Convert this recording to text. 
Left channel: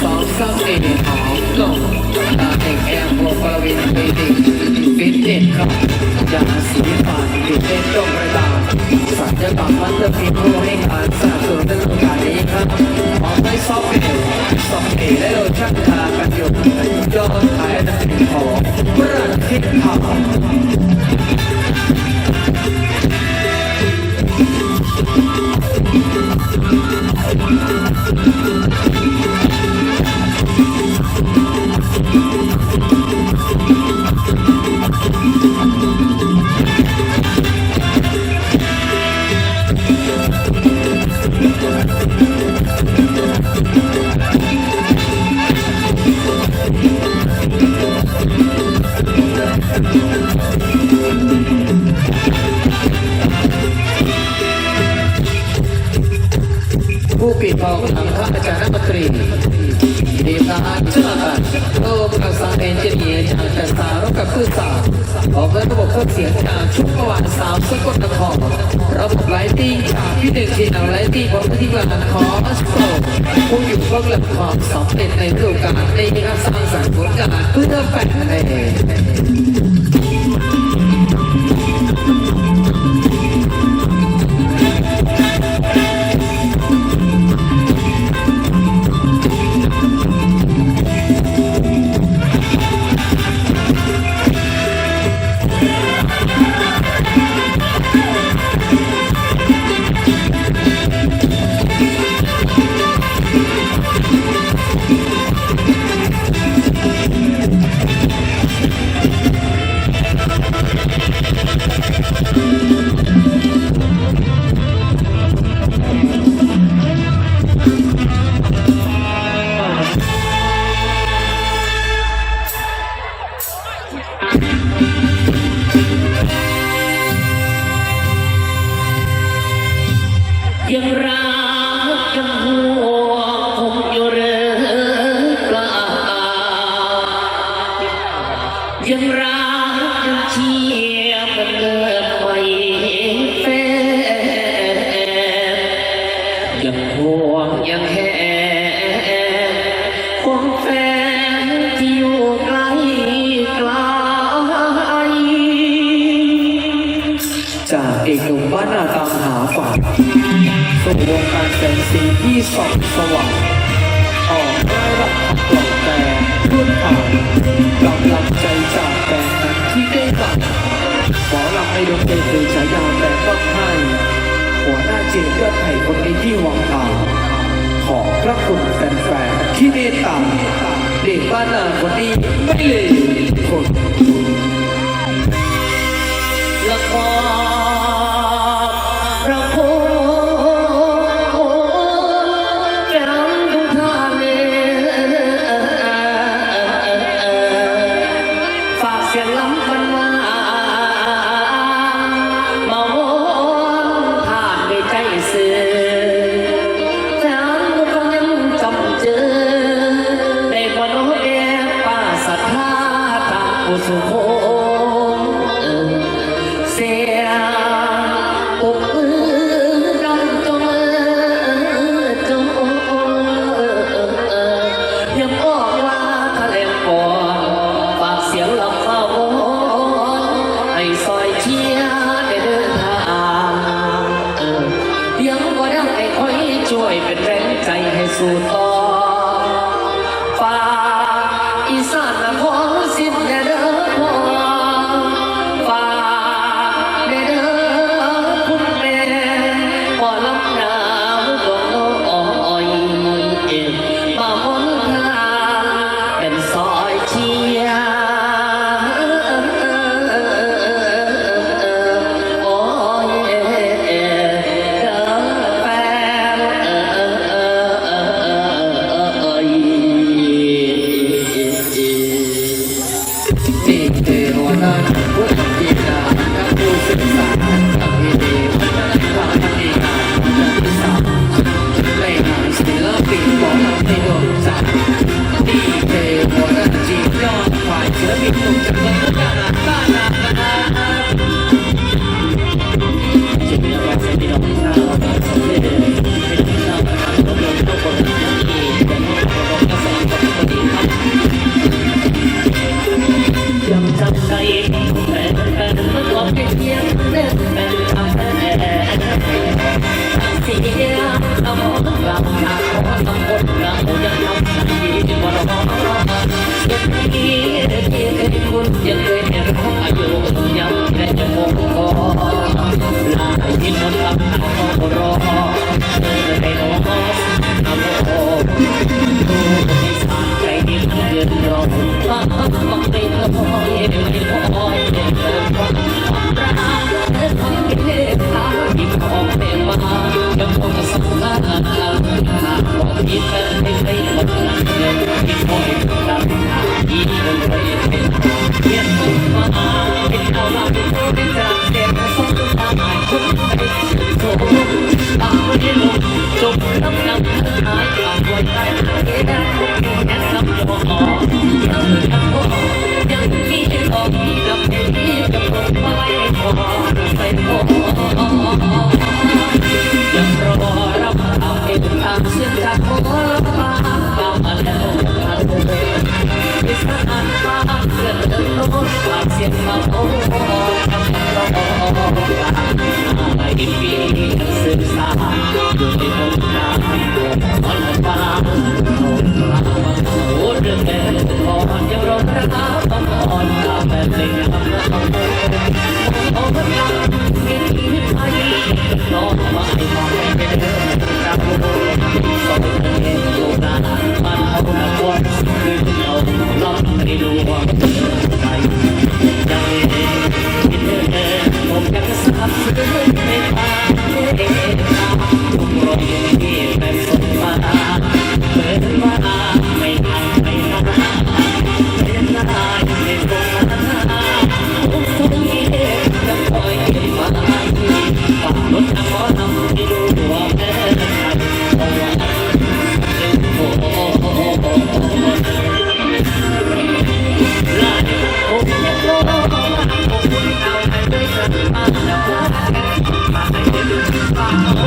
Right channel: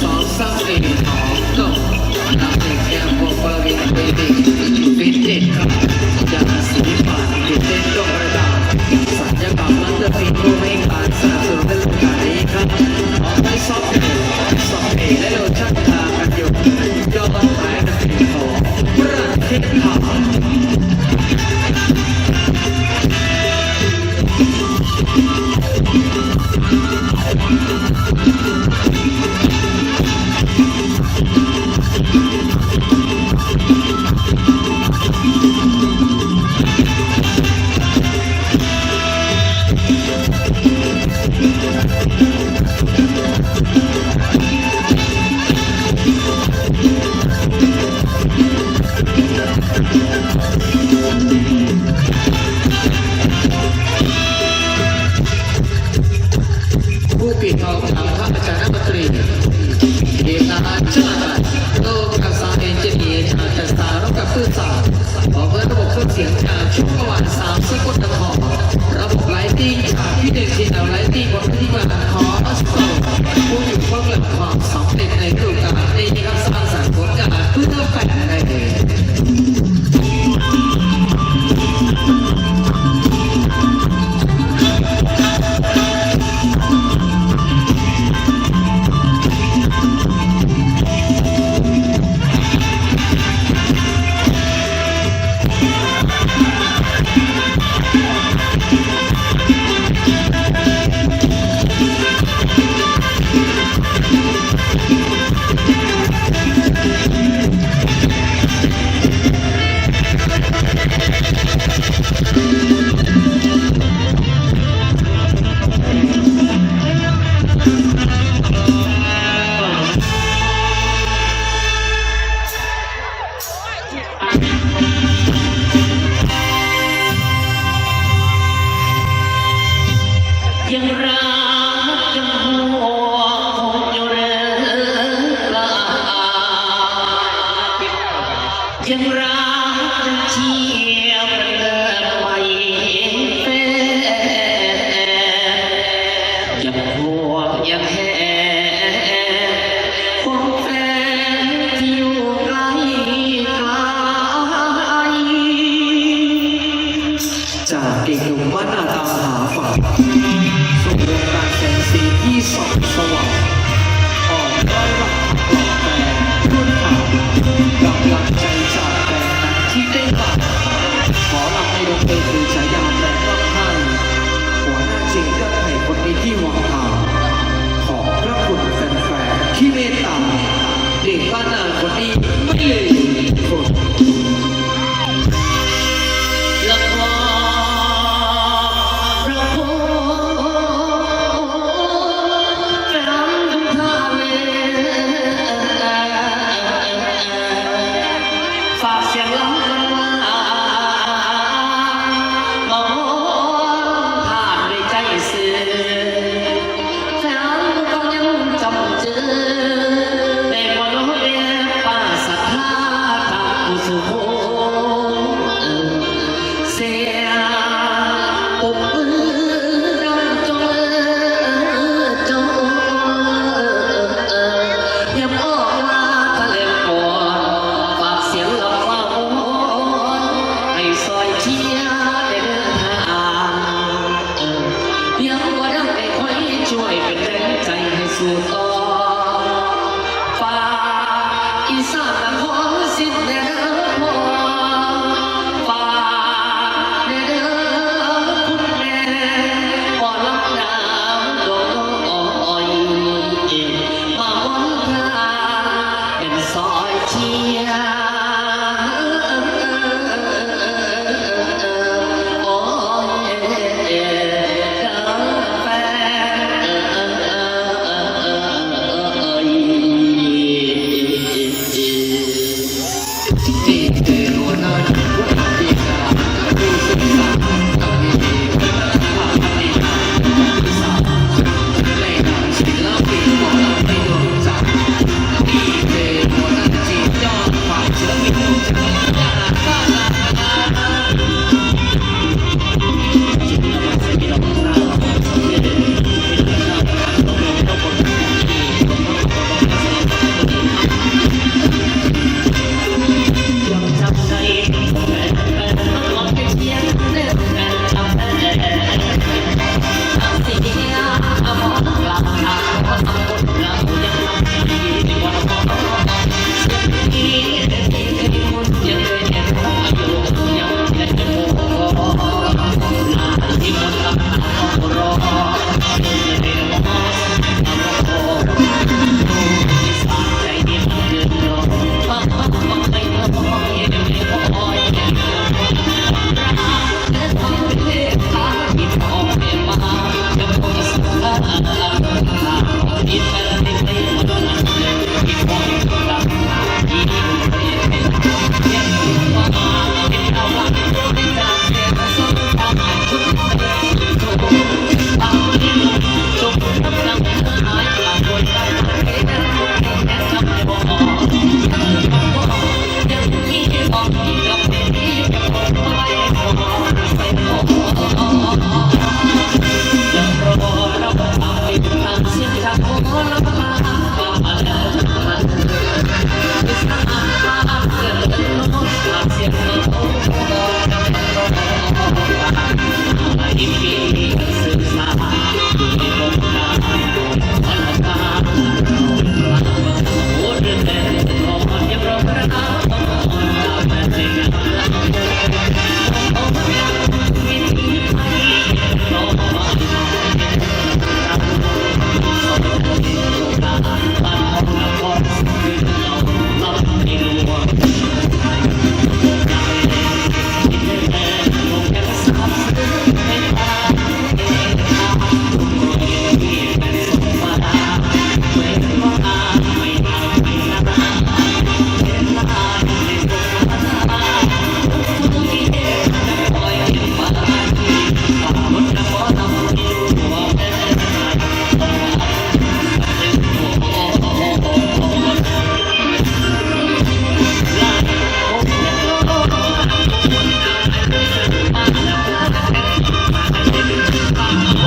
สองสามสี่ของลงตาเด็กแอร์โฟบริเวณเบบีฟิตเนสครับยาสีฟันฟิตเนสตรงระดับสัญญกรรมันจะมีผู้ให้การสาธุและลูกหลครับออกไปซอฟต์เอซอฟต์เอและเราชักตากันอยู่ยอดยอด สตร์ออกระบบเครื่องเสียงจากชุกเมื่อวานสามสิบกนครระบบไลติ้งจากพิเดนซีนไลติ้งบนที่งานคอสโตผู้อยู่เบื้องหลังของสำเต็ดในฤดูกาลนี้ครับสร้างสรรค์ผลงานเพื่อแฟนในเอง Yeah. จากเด็กหนุ่มบ้านนาตามหาฝันสู่ดวงตาแสงสีที่ส่องสว่างออกได้รับปลอบแต่เพื่อนผ่านกำลังใจจากแฟนนั้นที่ได้มาขอลำในดวงเดชคือฉายาแฟนยอดไทยหัวหน้าเจมส์ยอดไทยคนนี้ที่หวังหาขอบพระคุณแฟนๆที่เมตตา Oh. Thank you.